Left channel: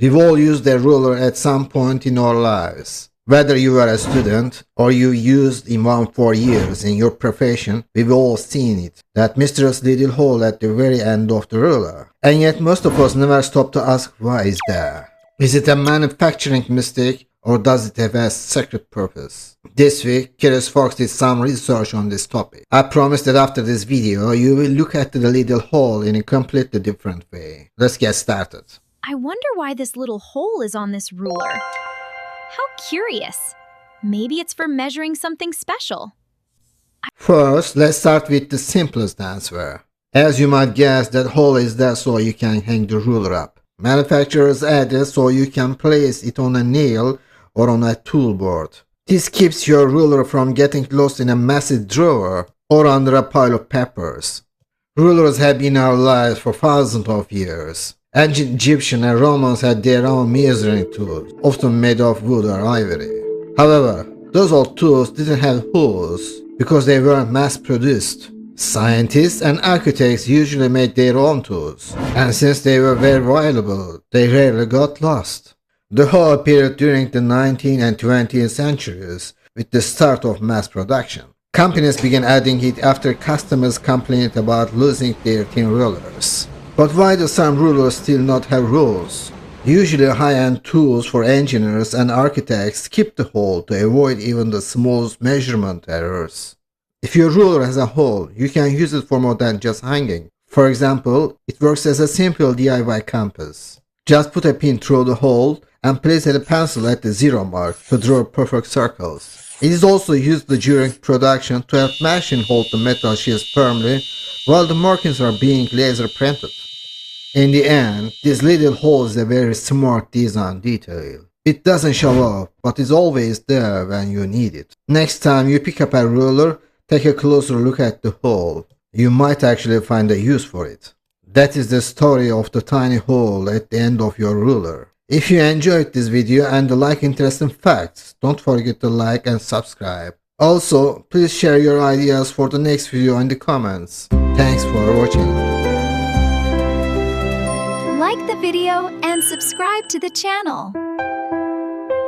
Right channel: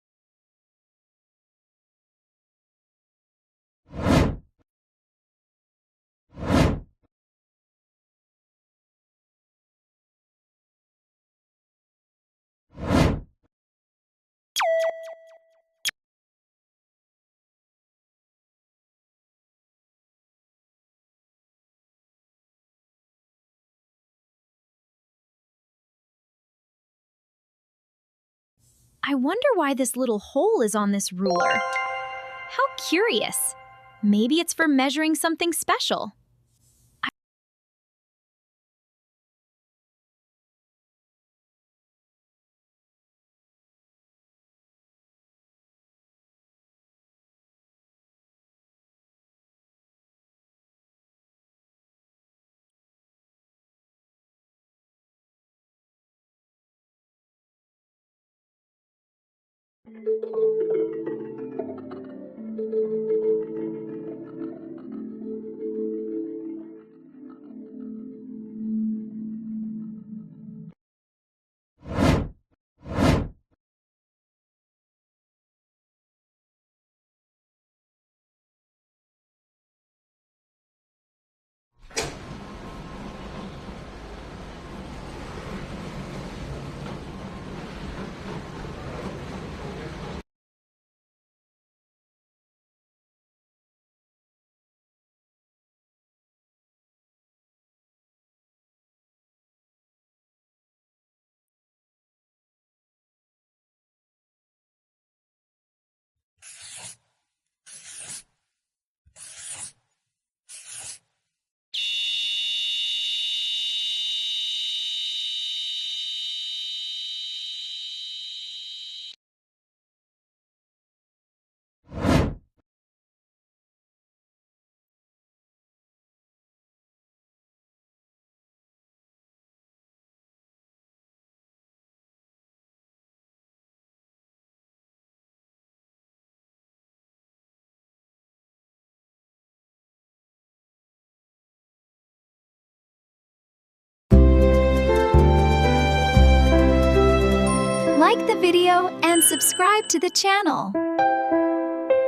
We've all used a ruler at some point in our lives. Whether you were a student or you used one for years in your profession, we've all seen it. That mysterious little hole at the very end of the ruler. And yet most of us never stop to ask, why is there? Is it a manufacturing mistake or does it have a secret purpose? This week, Curious Fox did some research on this topic. I promise that after this video, you will look at the little hole in a completely different way. Let's get started. I wonder why this little hole is on this ruler. How curious. Maybe it's for measuring something special. First, let's start with the simplest answer. As you might guess, that hole is there so you can hang the ruler up. Manufacturers add it so you can place it on a nail or on a tool board. This keeps your ruler from getting lost in a massive drawer or under a pile of papers. Rulers have been in our lives for thousands of years. Ancient Egyptians and Romans had their own measuring tools, often made of wood or ivory. However, those old tools didn't have holes because they weren't mass-produced. Scientists and architects usually made their own tools, and since they were very valuable, they rarely got lost. The hole appeared during the 19th and 20th centuries with the start of mass production. Companies began adding it after customers complained about losing their thin rulers. But why do some rulers still not have rules? Usually high-end tools for engineers and architects skip the hole to avoid even the smallest measurement errors. If your ruler has a hole, you can use it for more than just hanging. For example, it works as a simple DIY compass. Just put a pin through the hole and place a pencil at the zero mark to draw perfect circles. It is also used during production to help machine hold the metal sheets firmly while the markings are being laser printed. In the end, this little hole is a very smart design detail. It doesn't show off, but is always there when you need it. Next time you pick up a ruler, take a closer look at the hole. You might actually find a use for it. That is the story of the tiny hole at the end of your ruler. If you enjoyed this video and like interesting facts, don't forget to like and subscribe. Also, please share your ideas for the next video in the comments. Thanks for watching. Like the video and subscribe to the channel.